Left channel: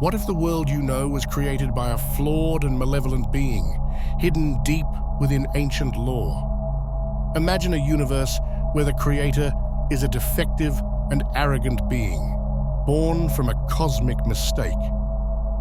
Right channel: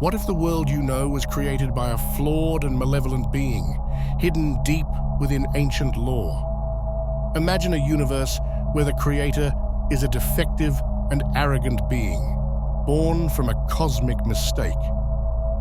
What if the world you know was created by a flawed and malevolent being, hidden deep within ancient lore? Imagine a universe where the creator is a defective and arrogant being, born from a cosmic mistake.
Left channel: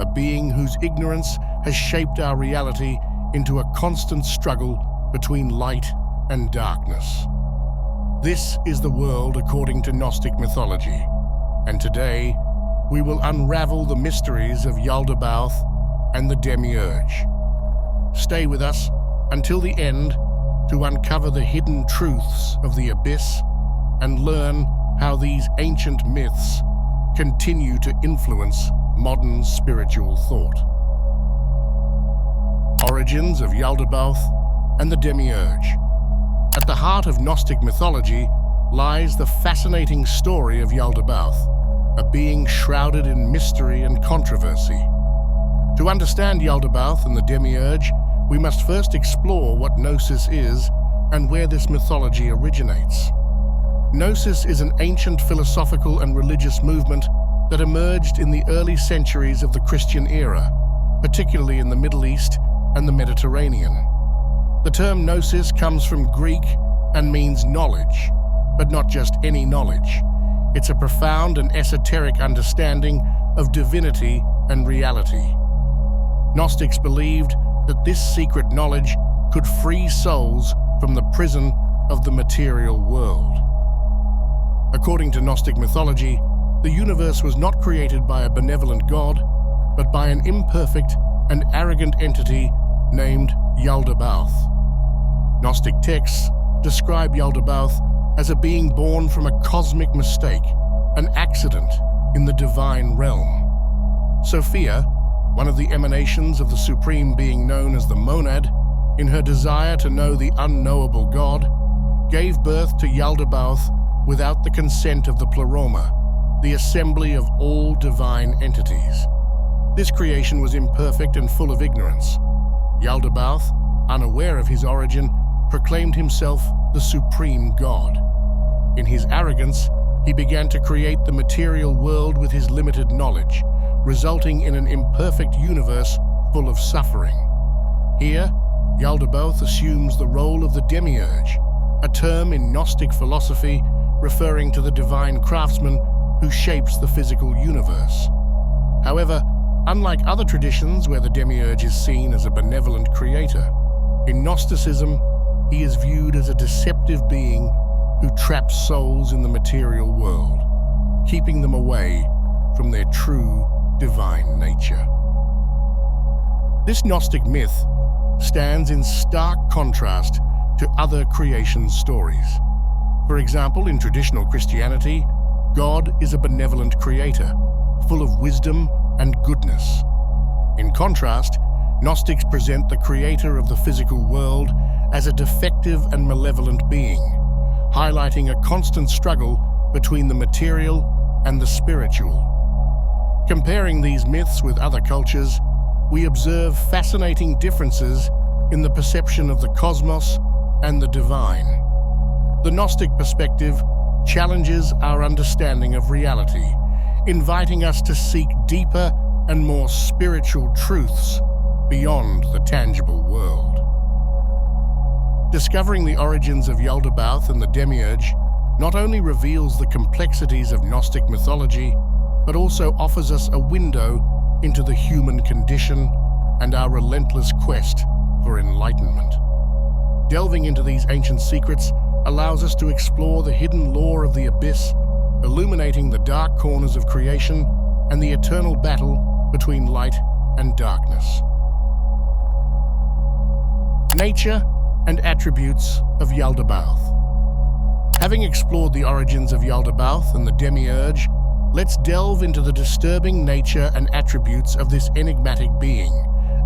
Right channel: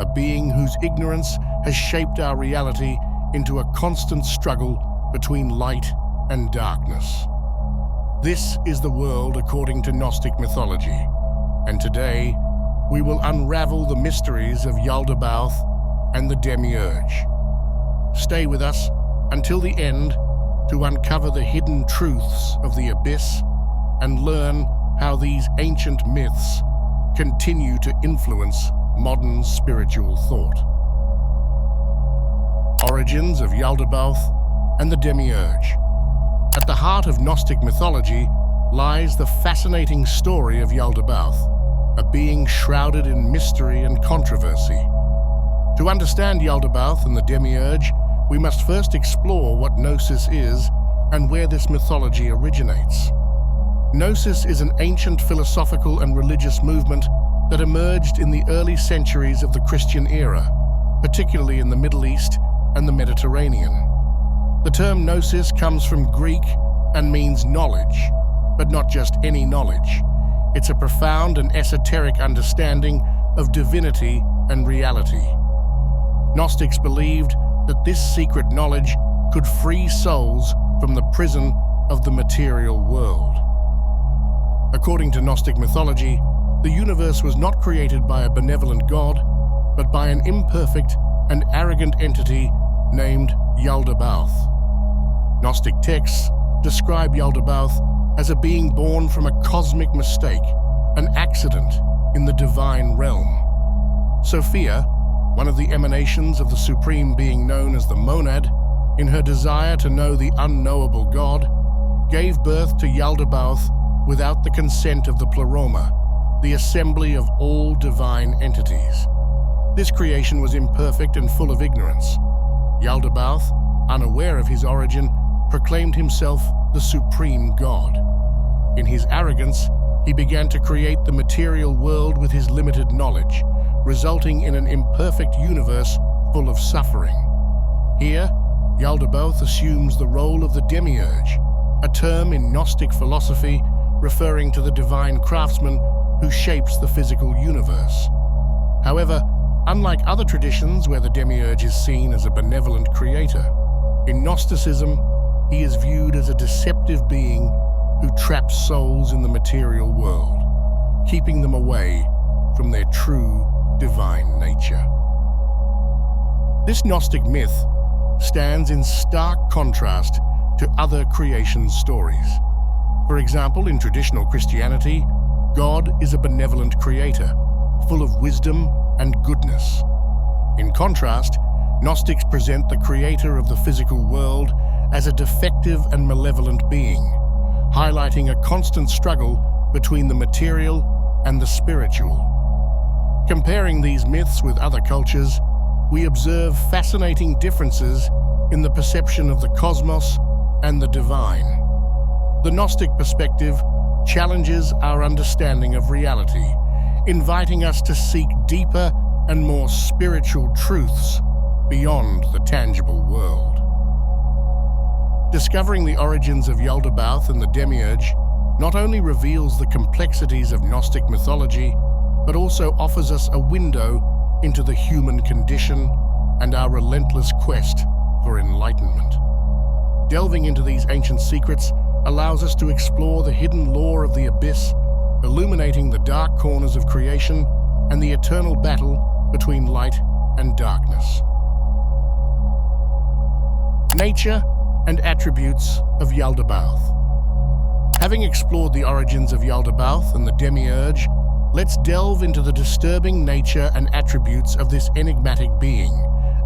A being whose ignorance has shaped our reality into a constant struggle between light and darkness. This is the world according to Gnostic mythology, and today we will unravel the mysteries of Yaldabaoth and the Demiurge. Stay with us until the end to uncover the hidden truths of the abyss and learn how these ancient myths continue to influence modern spiritual thought. Origins of Yaldabaoth and the Demiurge. At the heart of Gnostic mythology lies the fascinating story of Yaldabaoth, a being shrouded in mystery and controversy. To understand Yaldabaoth and the Demiurge, we must first explore what Gnosis is and where this mythology originates. Gnosis is an ancient philosophical and religious movement that emerged in the early centuries of the Christian era, particularly in the Middle East and the Mediterranean. The term Gnosis comes from Greek and means knowledge, but not just any knowledge. It's a profound and esoteric understanding of divinity and reality. Gnostics believed that this secret knowledge could free souls from the prison of the material world. According to Gnostic mythology, the universe was not created by a benevolent god, but by an imperfect and arrogant entity named Yaldabaoth. Gnostic texts describe Yaldabaoth as a being born from a cosmic mistake, an accident in the divine realm. Sophia, one of the emanations of the supreme being known as the Monad, in her desire to know the unknowable God, gave birth to Yaldabaoth without the consent of the Pleroma, the assembly of all divine entities. This creation was imperfect and full of ignorance. Yaldabaoth, unaware of his origin, proclaimed himself the supreme god. In his arrogance, he began to create the material world with his limited knowledge, resulting in an imperfect universe full of suffering. Here, Yaldabaoth assumes the role of the Demiurge, a term in Gnostic philosophy referring to the divine craftsman who shapes the physical universe. However, unlike other traditions where the Demiurge is seen as a benevolent creator, in Gnosticism, he is viewed as a deceptive being who traps souls in the material world, keeping them away from their true divine nature. This Gnostic myth stands in stark contrast to other creation stories. For example, in traditional Christianity, God is a benevolent creator, full of wisdom and goodness. In contrast, Gnostics present the creator of the physical world as a defective and malevolent being, highlighting a constant struggle between the material and the spiritual. Comparing these myths with other cultures, we observe fascinating differences in the perception of the cosmos and the divine. The Gnostic perspective challenges our understanding of reality, inviting us to seek deeper and more spiritual truths beyond the tangible world. Discovering the origins of Yaldabaoth and the Demiurge not only reveals the complexities of Gnostic mythology, but also offers us a window into the human condition and our relentless quest for enlightenment. Delving into these ancient secrets allows us to explore the hidden lore of the abyss, illuminating the dark corners of creation and the eternal battle between light and darkness. Nature and attributes of Yaldabaoth. Having explored the origins of Yaldabaoth and the Demiurge, let's delve into the disturbing nature and attributes of this enigmatic being,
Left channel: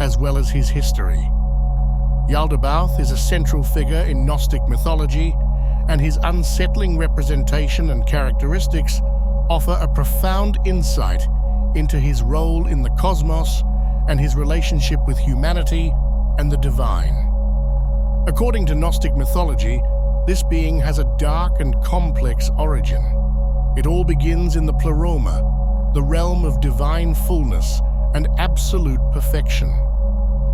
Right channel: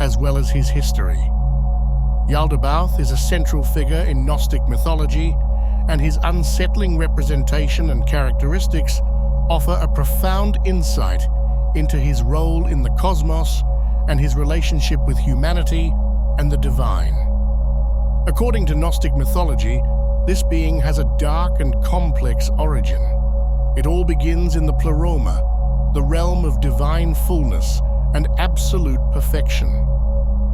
as well as his history. Yaldabaoth is a central figure in Gnostic mythology, and his unsettling representation and characteristics offer a profound insight into his role in the cosmos and his relationship with humanity and the divine. According to Gnostic mythology, this being has a dark and complex origin. It all begins in the Pleroma, the realm of divine fullness and absolute perfection.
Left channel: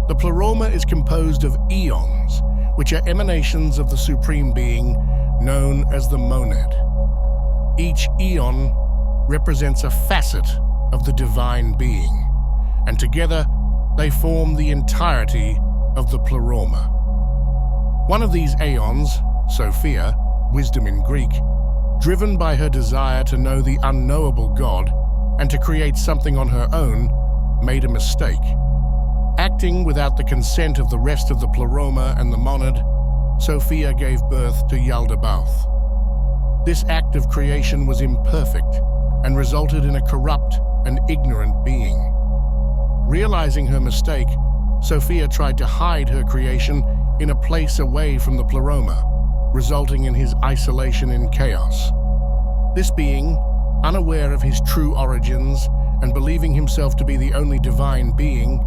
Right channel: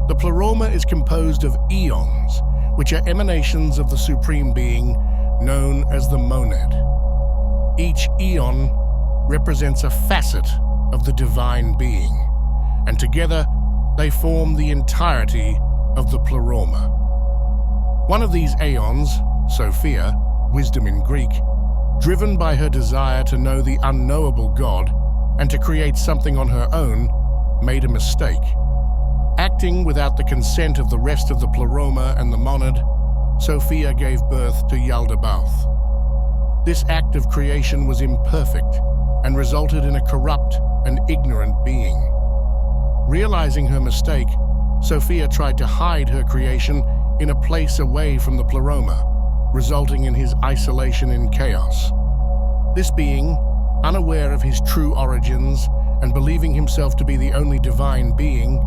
The pleroma is composed of eons, which are emanations of the Supreme Being known as the monad. Each eon represents a facet of the divine being, and together they form the entirety of the pleroma. One of these aeons, Sophia, wisdom in Greek, driven by her desire to know the unknowable God and to create something on her own, made a mistake. Acting without the consent of the rest of the pleroma and the monad, Sophia gave birth to Yaldabaoth. This act of creation was imperfect and resulted in a corrupt and ignorant being. Realizing her mistake, Sophia tried to hide her creation in a place away from the pleroma, resulting in his isolation in chaos. This being, unaware of his true origins and believing himself to be the only divine being,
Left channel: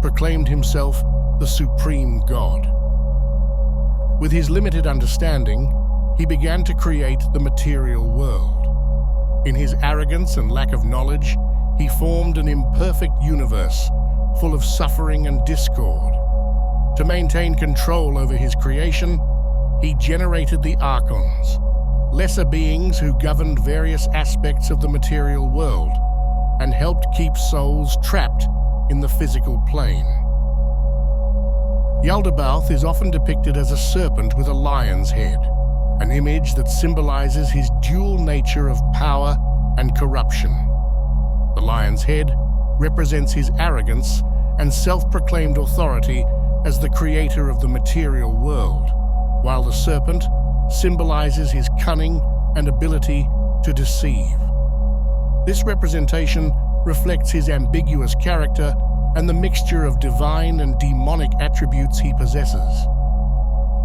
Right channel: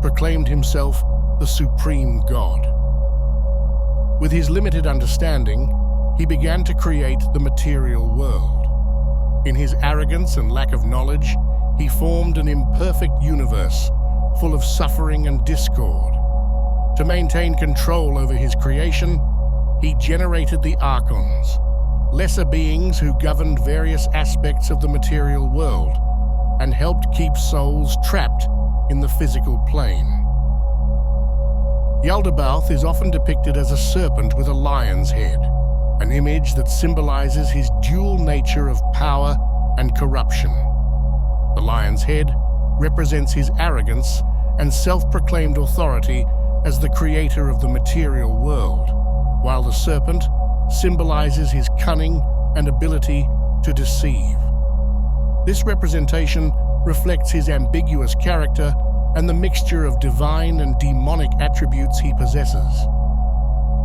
proclaimed himself the Supreme God. With his limited understanding, he began to create the material world. In his arrogance and lack of knowledge, he formed an imperfect universe full of suffering and discord. To maintain control over his creation, he generated the Archons, lesser beings who governed various aspects of the material world and helped keep souls trapped in the physical plane. Yaldabaoth is often depicted as a serpent with a lion's head, an image that symbolizes his dual nature of power and corruption. The lion's head represents his arrogance and self-proclaimed authority as the creator of the material world, while the serpent symbolizes his cunning and ability to deceive. This representation reflects his ambiguous character and the mixture of divine and demonic attributes he possesses.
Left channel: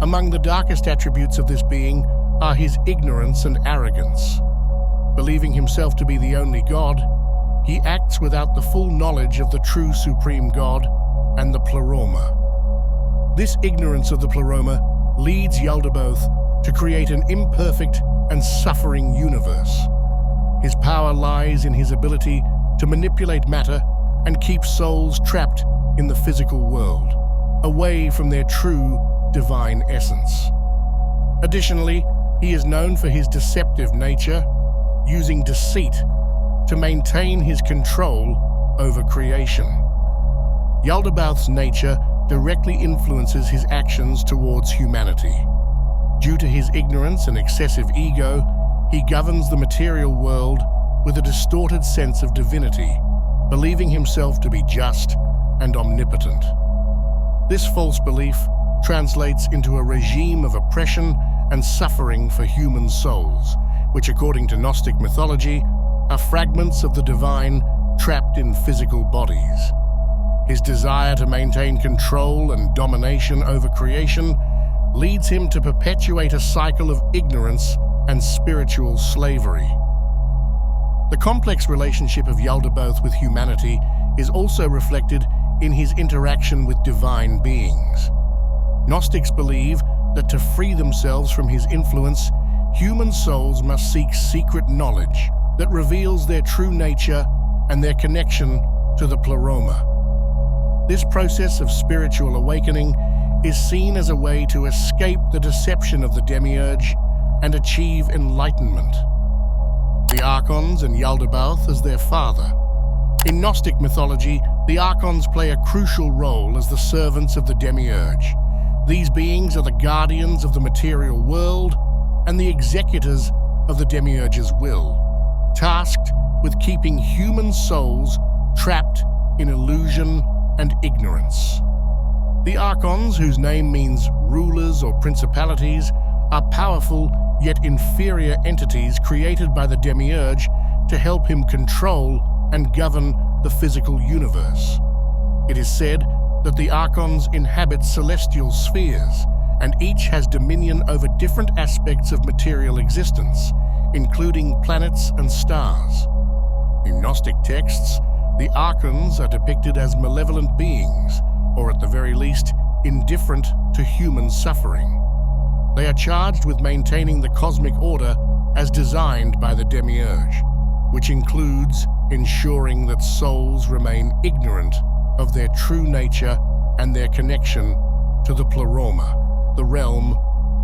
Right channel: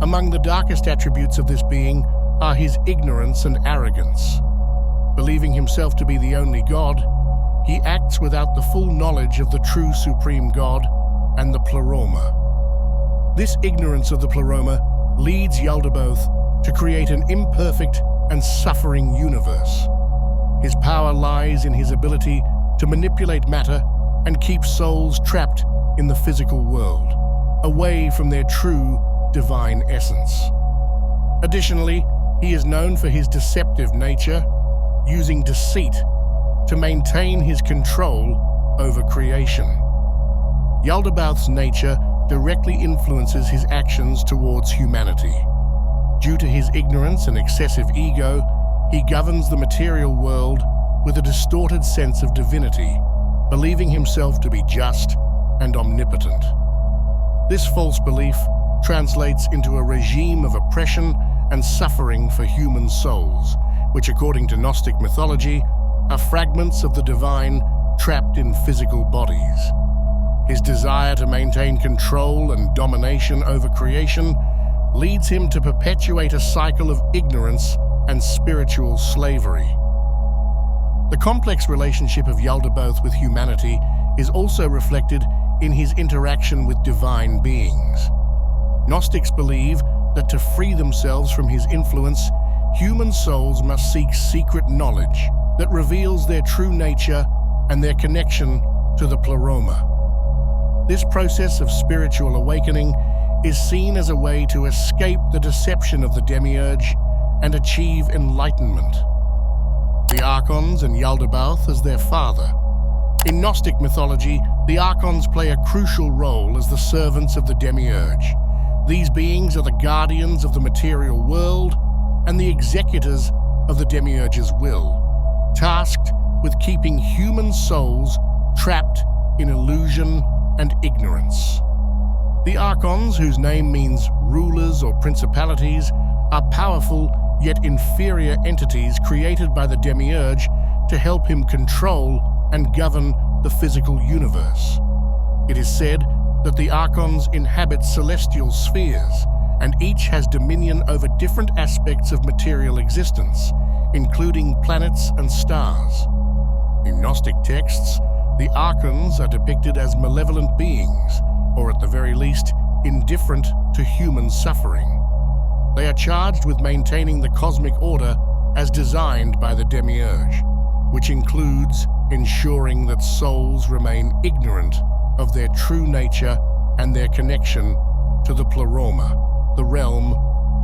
Among the darkest attributes of this being are his ignorance and arrogance. Believing himself to be the only God, he acts without the full knowledge of the true Supreme God and the pleroma. This ignorance of the pleroma leads Yaldabaoth to create an imperfect and suffering universe. His power lies in his ability to manipulate matter and keep souls trapped in the physical world, away from their true divine essence. Additionally, he is known for his deceptive nature, using deceit to maintain his control over creation. Yaldabaoth's nature directly influences his actions towards humanity. Due to his ignorance and excessive ego, he governs the material world with a distorted sense of divinity, believing himself to be just and omnipotent. This false belief translates into a regime of oppression and suffering for human souls, which, according to Gnostic mythology, are fragments of the divine trapped in physical bodies. His desire to maintain control and domination over creation leads him to perpetuate a cycle of ignorance and spiritual slavery. The complex relationship of Yaldabaoth with humanity is also reflected in his interaction with divine beings. Gnostics believe that to free themselves from his influence, human souls must seek secret knowledge that reveals their true nature and their connection to the pleroma. This process of spiritual awakening is seen as a way to escape the deception of the Demiurge and achieve enlightenment. The Archons and Yaldabaoth as their father. In Gnostic mythology, the Archons play a crucial role as the servants of the Demiurge. These beings are the guardians of the material world and the executors of the Demiurge's will, tasked with keeping human souls trapped in illusion and ignorance. The Archons, whose name means rulers or principalities, are powerful yet inferior entities created by the Demiurge to help him control and govern the physical universe. It is said that the Archons inhabit celestial spheres, and each has dominion over different aspects of material existence, including planets and stars. In Gnostic texts, the Archons are depicted as malevolent beings, or at the very least, indifferent to human suffering. They are charged with maintaining the cosmic order as designed by the Demiurge, which includes ensuring that souls remain ignorant of their true nature and their connection to the pleroma, the realm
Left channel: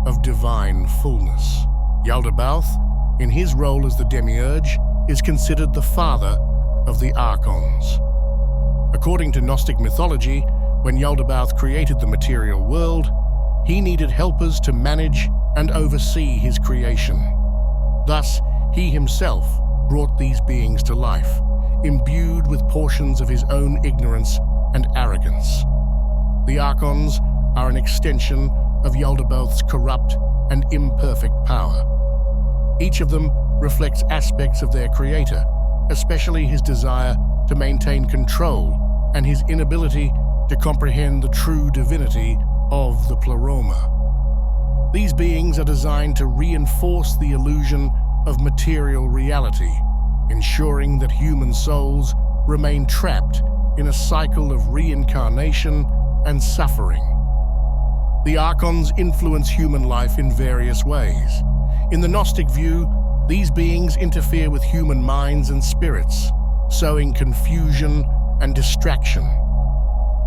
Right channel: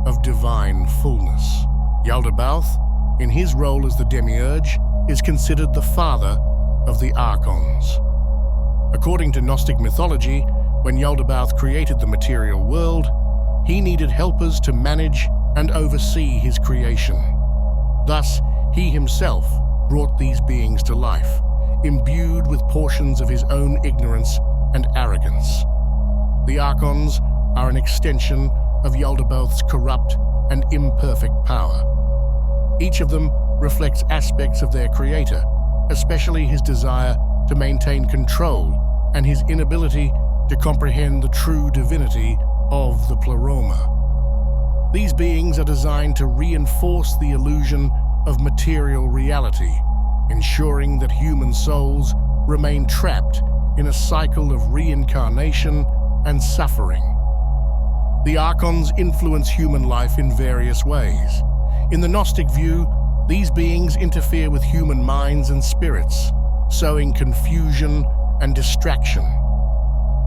of divine fullness. Yaldabaoth, in his role as the Demiurge, is considered the father of the Archons. According to Gnostic mythology, when Yaldabaoth created the material world, he needed helpers to manage and oversee his creation. Thus, he himself brought these beings to life, imbued with portions of his own ignorance and arrogance. The Archons are an extension of Yaldabaoth's corrupt and imperfect power. Each of them reflects aspects of their creator, especially his desire to maintain control and his inability to comprehend the true divinity of the pleroma. These beings are designed to reinforce the illusion of material reality, ensuring that human souls remain trapped in a cycle of reincarnation and suffering. The Archons influence human life in various ways. In the Gnostic view, these beings interfere with human minds and spirits, sowing confusion and distraction.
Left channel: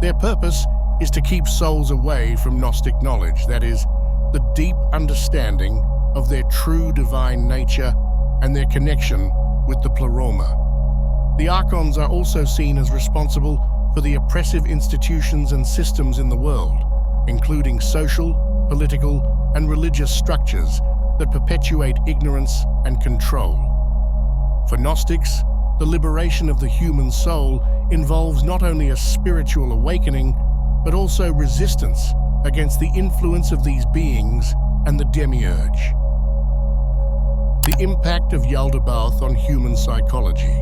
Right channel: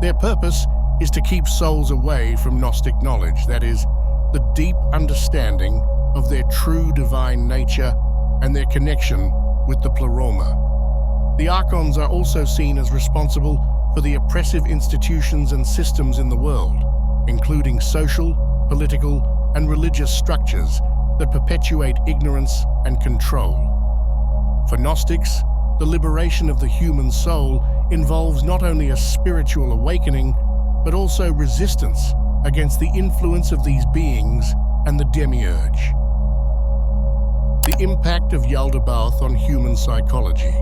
Their purpose is to keep souls away from Gnostic knowledge, that is, the deep understanding of their true divine nature and their connection with the pleroma. The Archons are also seen as responsible for the oppressive institutions and systems in the world, including social, political, and religious structures that perpetuate ignorance and control. For Gnostics, the liberation of the human soul involves not only a spiritual awakening, but also resistance against the influence of these beings and the Demiurge. The impact of Yaldabaoth on human psychology.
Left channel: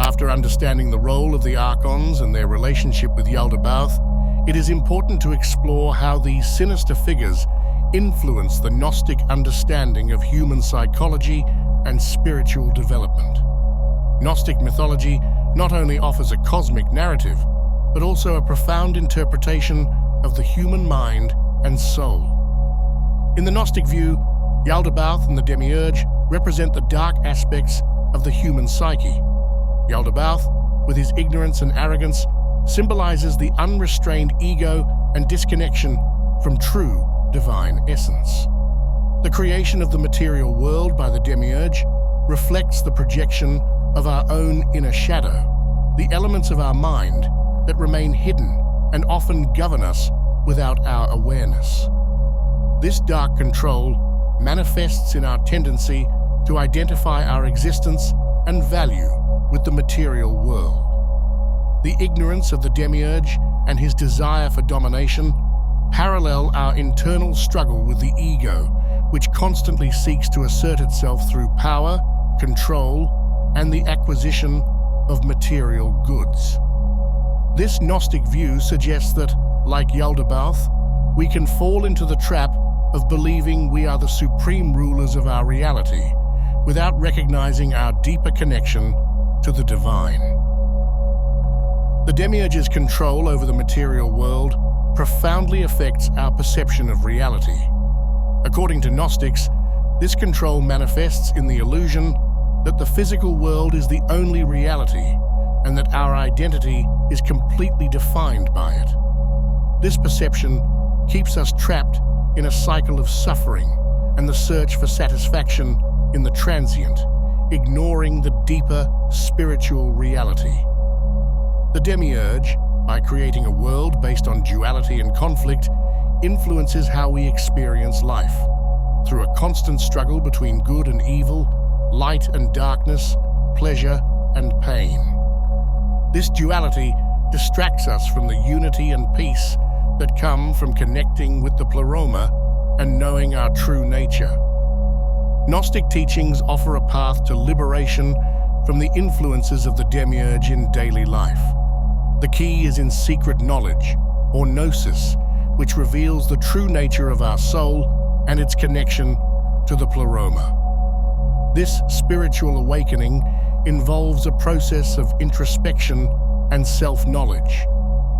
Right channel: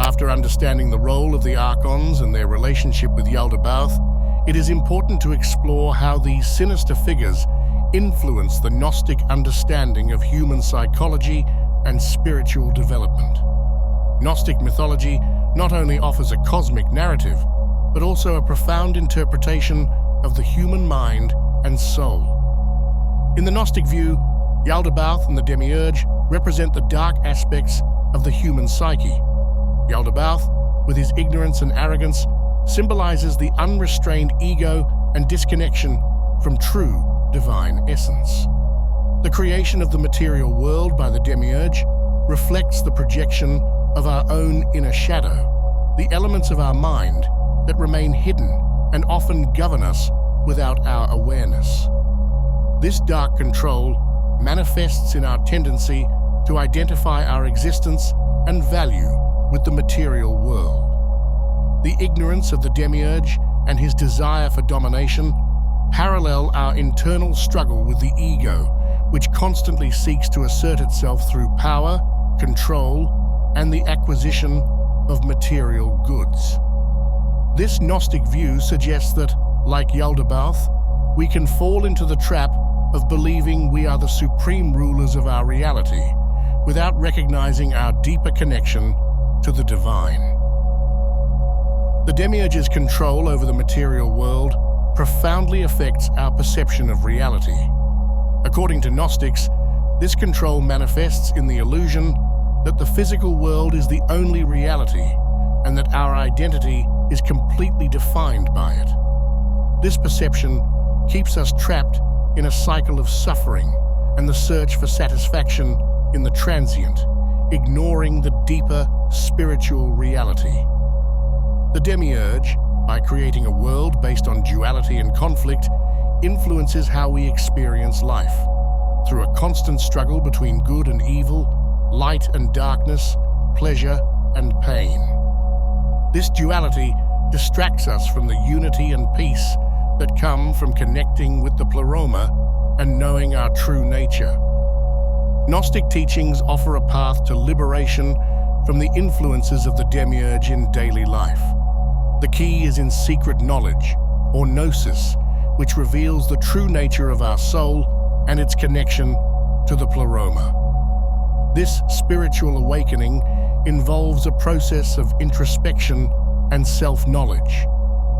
After understanding the role of the Archons and their relationship with Yaldabaoth, it is important to explore how these sinister figures influence the Gnostic understanding of human psychology and spiritual development. Gnostic mythology not only offers a cosmic narrative, but also a profound interpretation of the human mind and soul. In the Gnostic view, Yaldabaoth and the Demiurge represent the dark aspects of the human psyche. Yaldabaoth, with his ignorance and arrogance, symbolizes the unrestrained ego and disconnection from true divine essence. The creation of the material world by the Demiurge reflects the projection of our own inner shadow, the elements of our mind that remain hidden and often govern us without our awareness. This dark control manifests in our tendency to identify our existence and value with the material world. The ignorance of the Demiurge and his desire for domination parallel our internal struggle with the ego, which constantly seeks to assert itself through power, control, and the acquisition of material goods. This Gnostic view suggests that, like Yaldabaoth, we can fall into the trap of believing we are the supreme rulers of our reality, without recognizing our deeper connection to the divine. The Demiurge's control over the material world profoundly affects our perception of reality. According to Gnostics, this control manifests in the illusion that the physical world is the only reality and that our identity is completely defined by it. This perception keeps us trapped in a cycle of suffering and the search for satisfaction in the transient, ignoring the deeper spiritual reality. The Demiurge, by creating a world based on duality and conflict, influences how we experience life. Through a constant struggle between good and evil, light and darkness, pleasure and pain. This duality distracts us from the unity and peace that come from connecting with the pleroma and knowing our true nature. Gnostic teachings offer a path to liberation from the influences of the Demiurge in daily life. The key is in secret knowledge, or gnosis, which reveals the true nature of our soul and its connection to the pleroma. This spiritual awakening involves a process of introspection and self-knowledge,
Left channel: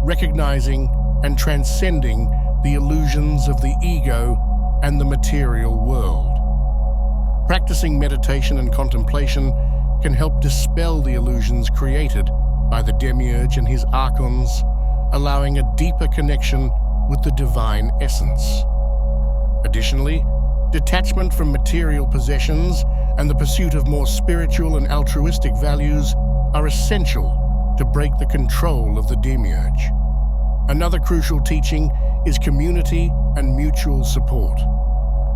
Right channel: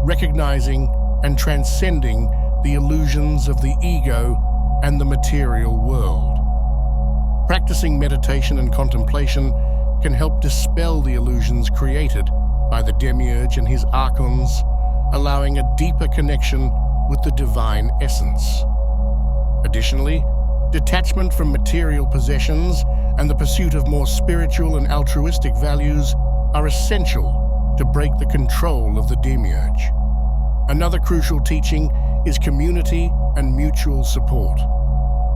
recognizing and transcending the illusions of the ego and the material world. Practicing meditation and contemplation can help dispel the illusions created by the Demiurge and his Archons, allowing a deeper connection with the divine essence. Additionally, detachment from material possessions and the pursuit of more spiritual and altruistic values are essential to break the control of the Demiurge. Another crucial teaching is community and mutual support.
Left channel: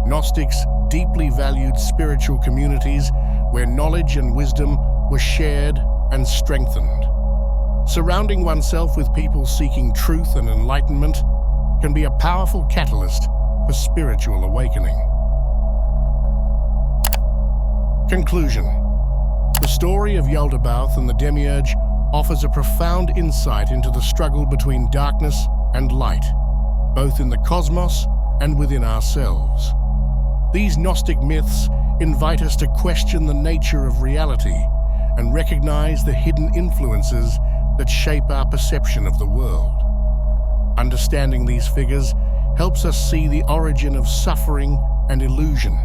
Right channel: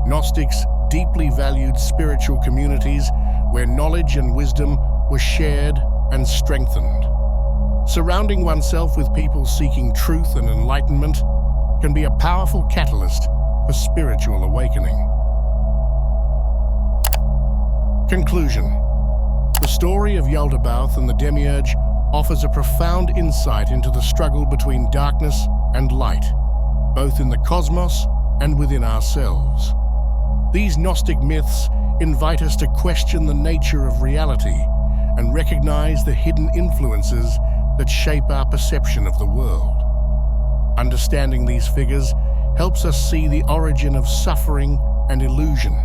Gnostics deeply valued spiritual communities where knowledge and wisdom were shared and strengthened. Surrounding oneself with people seeking truth and enlightenment can be a powerful catalyst for spiritual awakening. Conclusion. The story of Yaldabaoth and the Demiurge offers a profound insight into the struggle between darkness and light, both in the cosmos and within ourselves. These Gnostic myths invite us to question the nature of reality and recognize the hidden influences that shape our perception of the world. Understanding these figures helps us see the origin of suffering and illusion,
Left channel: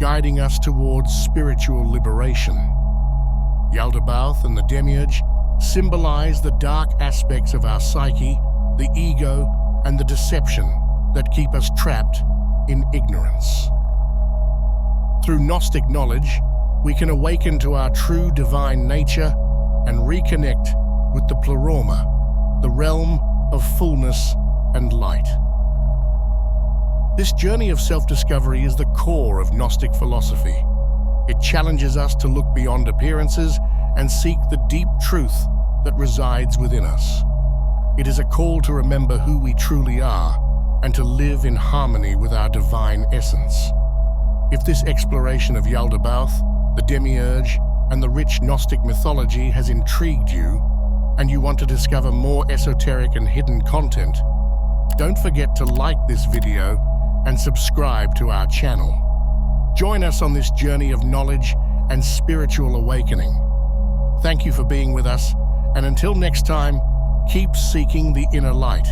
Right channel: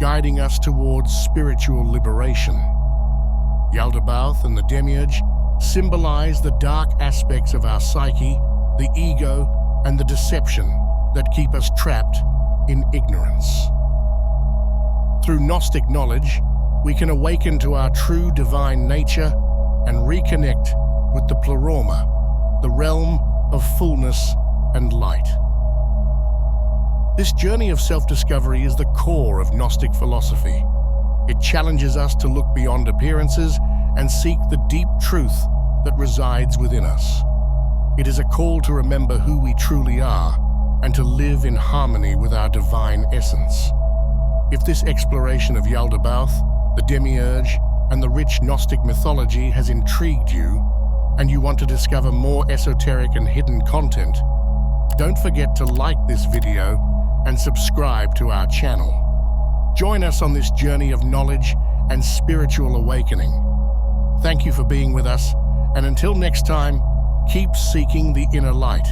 guiding us towards spiritual liberation. Yaldabaoth and the Demiurge symbolize the dark aspects of our psyche, the ego, and the deception that keep us trapped in ignorance. Through Gnostic knowledge, we can awaken to our true divine nature and reconnect with the pleroma, the realm of fullness and light. This journey of self-discovery is the core of Gnostic philosophy. It challenges us to look beyond appearances and seek the deep truth that resides within us. It is a call to remember who we truly are and to live in harmony with our divine essence. If this exploration of Yaldabaoth, the Demiurge, and the rich Gnostic mythology has intrigued you, and you want to discover more esoteric and hidden content, don't forget to like this video and subscribe to our channel. Join us on this journey of knowledge and spiritual awakening. Thank you for being with us, and until next time, keep seeking the inner light.